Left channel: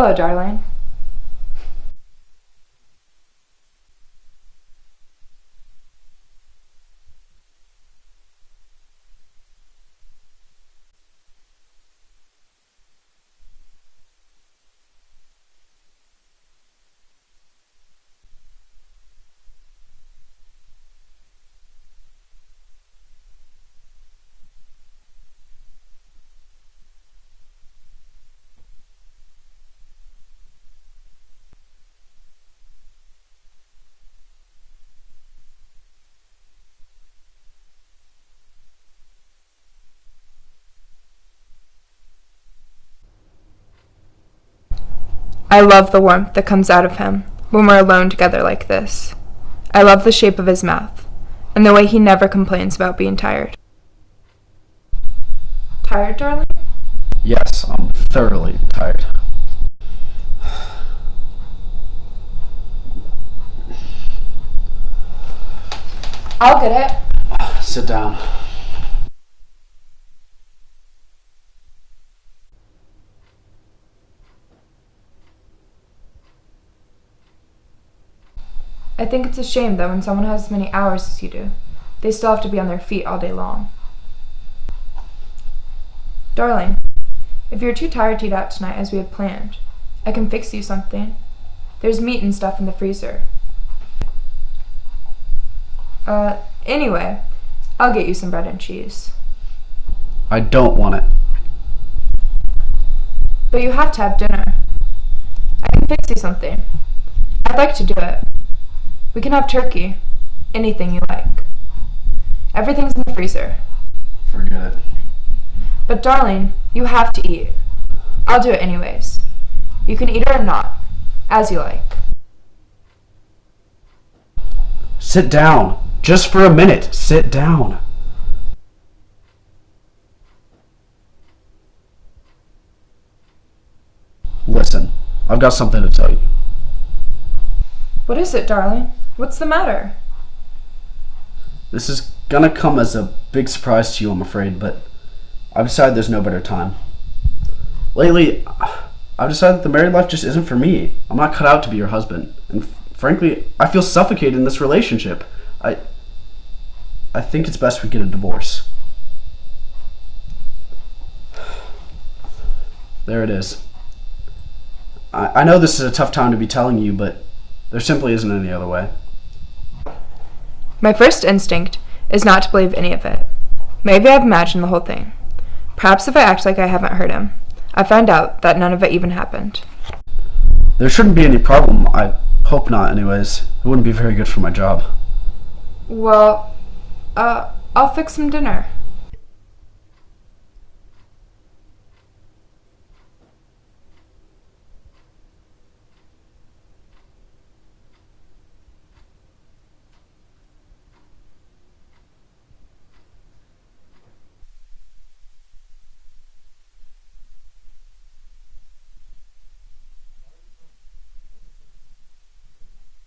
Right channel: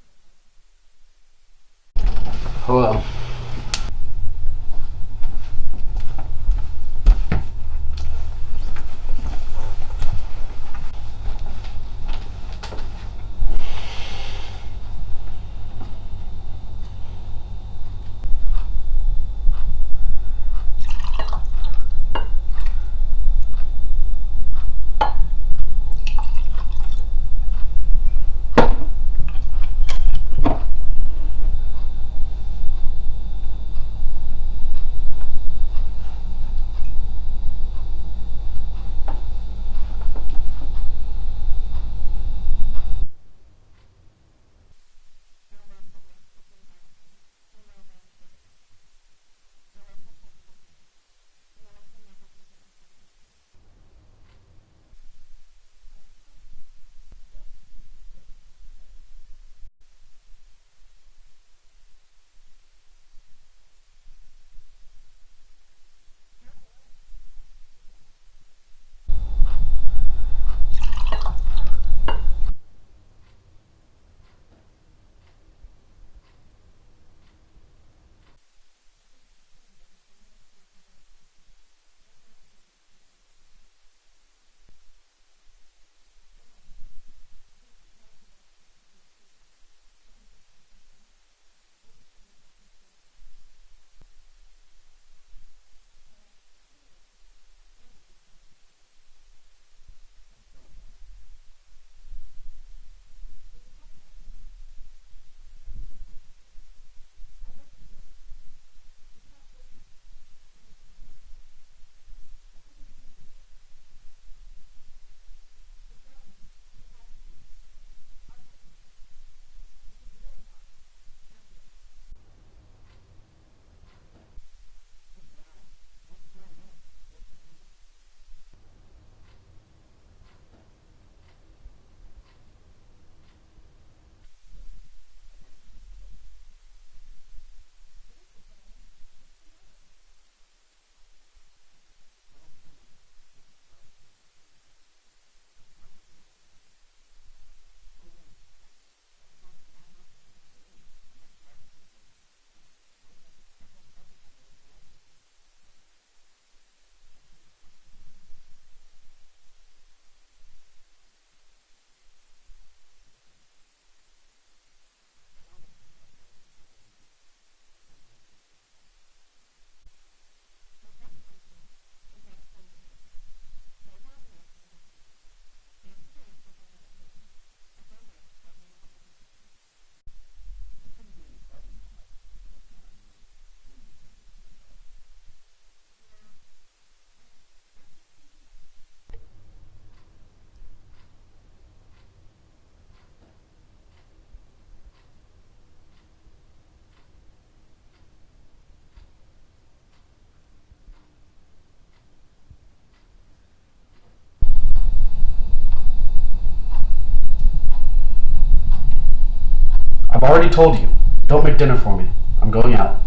Hello, darling. Hello. I love the warmth that comes out of him when we're alone together like this. I love the shape of his mouth and the way he never complains about being tired. Tired, darling? Yes, I'm thoroughly tired. I'll get it. Sit down. I think it's a shame that when someone has as many hours as you do, they still have to be on their feet all day long. Darling, if you're too tired to eat out tonight as we had planned, I can fix you something. There's meat and stuff in the freezer. Anyway, I'll get you some bread and cheese. I don't want it. But you have to have dinner. I can fix you something. I'd like to do it. We can have turkey. Anything you like. Everything's in the freezer. Forget it. But darling, you have to eat. I'll do it anyways. You can eat it or not, as you like. Sit down. Just for a minute. Sit down. Listen, I've got something to tell you. What is it, darling? What's the matter? This is gonna come as a big surprise to you, I'm afraid, but I've decided there's no better time. Lately, I've decided that the married life just isn't for me. I'm not cut out to be your husband. And frankly, I feel suffocated in this relationship. I think it's best we get a divorce. There it is. I know this is a tough time to be telling you, but there simply isn't any other way. My first instinct is not to believe any of it. Maybe I've imagined the whole thing. Perhaps if I act like I haven't heard him, I find out that none of it even happened. There shouldn't be any problem. I hope not, anyways. It wouldn't be very good for my job. Well, I'll fix some dinner. I've already told you. Don't make dinner for me. I'm going out.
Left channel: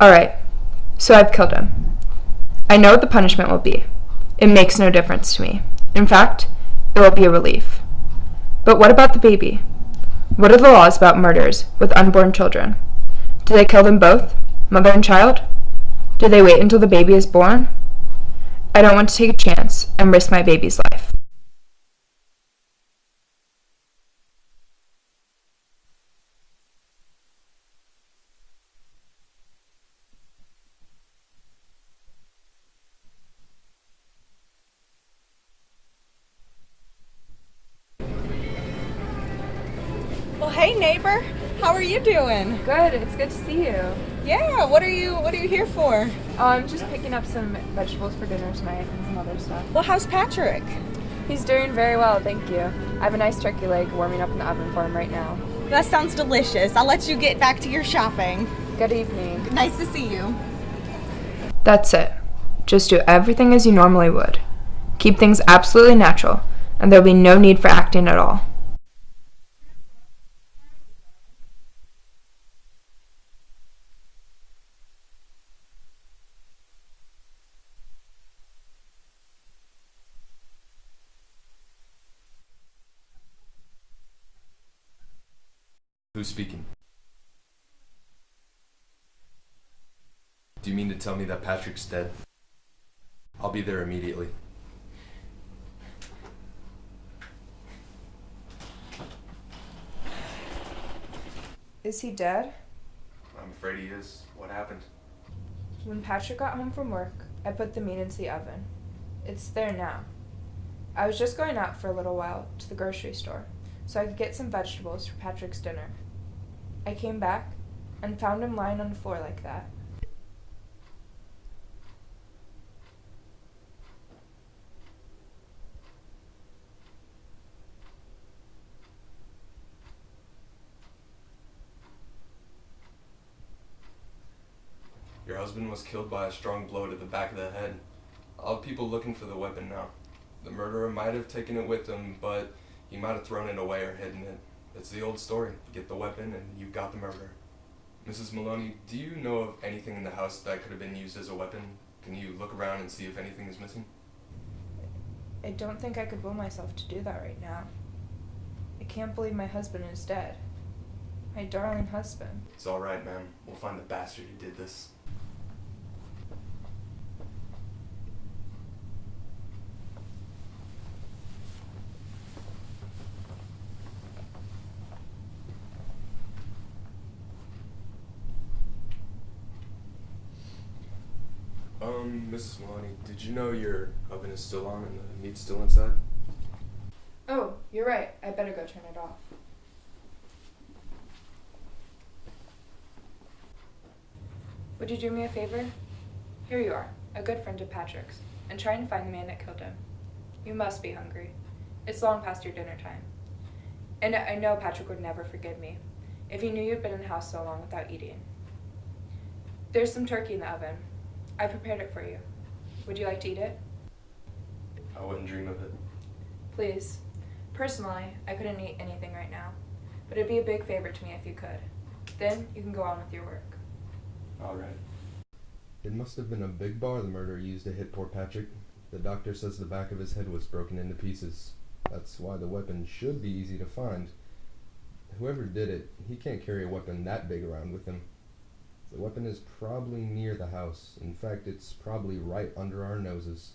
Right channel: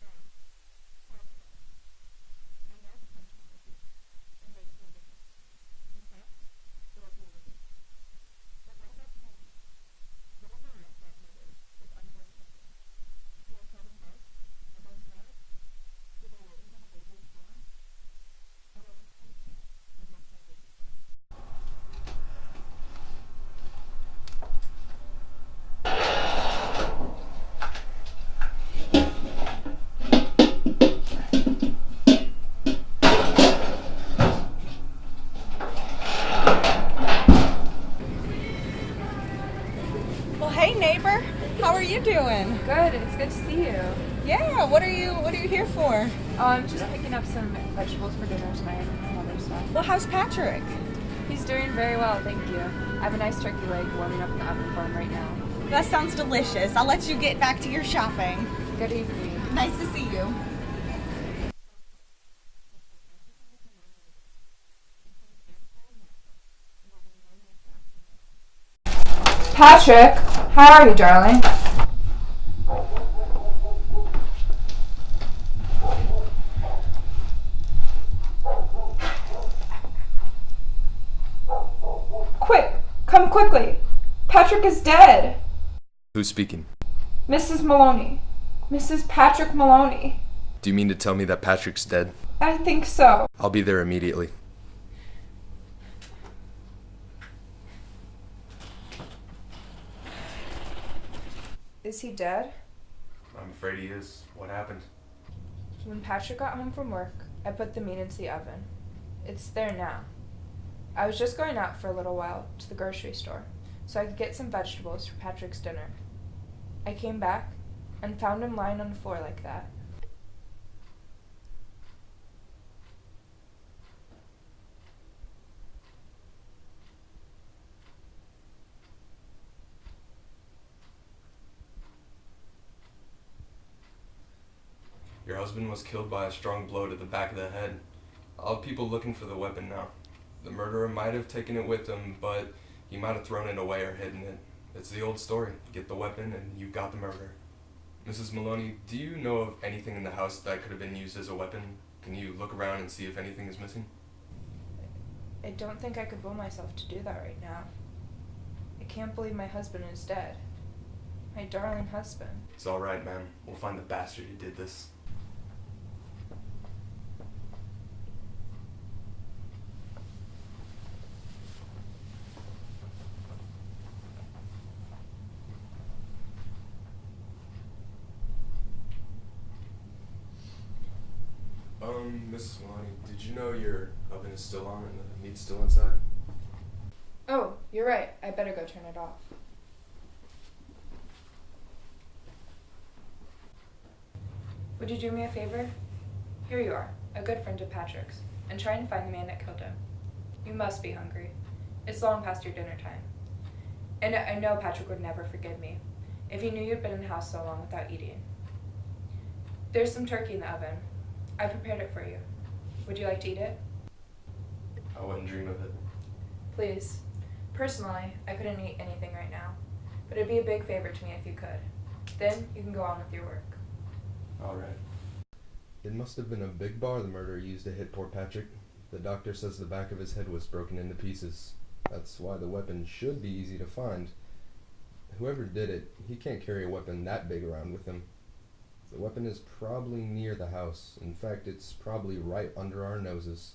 Alright, so I've killed him. I know what the punishment will be. It makes no difference to me. In fact, it will be a relief. But what about the baby? What are the laws about murders with unborn children? Do they kill them both, mother and child? Do they wait until the baby is born? I don't want to take a chance and risk my baby's life. Well, hey neighbor, how are you doing? Good, it's good to see you. Yeah, what are you here for? I'm just picking up some vegetables for dinner tonight and some other stuff. Well, how's Patrick? He's doing very well, thank you. I have a nice turkey leg warming up in the oven for him right now. That sounds delicious. I'll let you get back to your shopping. Good evening. Nice to see you. That's it. Just do everything as you normally would. Keep things absolutely natural, and there'll be no need for acting at all. Patrick, How are you, darling? Quick! Come quickly! Patrick is dead! Who's speaking? Mrs. Maloney. Mrs. Patrick Maloney. Do you mean to tell me that Patrick's dead? I think so. I'll be there immediately. Is he dead? I'm afraid he is. What happened? When Patrick got home from work, I put the meat into the oven. It's there now. I was just going out for a little while to the grocery store so I could get some vegetables for Patrick's dinner. I came back and found him lying on the floor like that. Your husband was killed by a strong blow to the back of the head. I'll have people looking for the weapon now. The murderer might have taken it with him, but he might have thrown it away or hidden it. It's the old story. Get the weapon and you've got the murderer. Mrs. Maloney, do you know of anything in the house that could have been used as a weapon? Can you look around and see if anything is missing? I don't think I could will myself to do that right now. I can't believe my husband is dead. My darling husband. It's all right, ma'am. We'll find the bastard who did this. Mrs. Maloney, did you know your oven is still on and the meat's still inside? Oh, you're right. I better go turn it off. Would you do me a favor? Here you are, a good friend of Patrick's, and try and find the man that killed him. You must be hungry. It's long past your dinner time. And I know Patrick would never forgive me if he knew you'd been in the house so long without eating. There's some turkey in the oven. I prepared it for you. Would you like to eat it? I wouldn't dream of it. Please. Personally, I couldn't eat anything right now, but it'd be a big favor to me if you could. Then you can go on with your work. All right. It must have been a big bar the murderer used to hit poor Patrick. The doctor says the back of his head was broken into pieces. That's why the weapon should be easy to find. Whoever did it, he can't carry a weapon that big around with him. The weapon is probably near the house. In fact, it's probably right under our noses.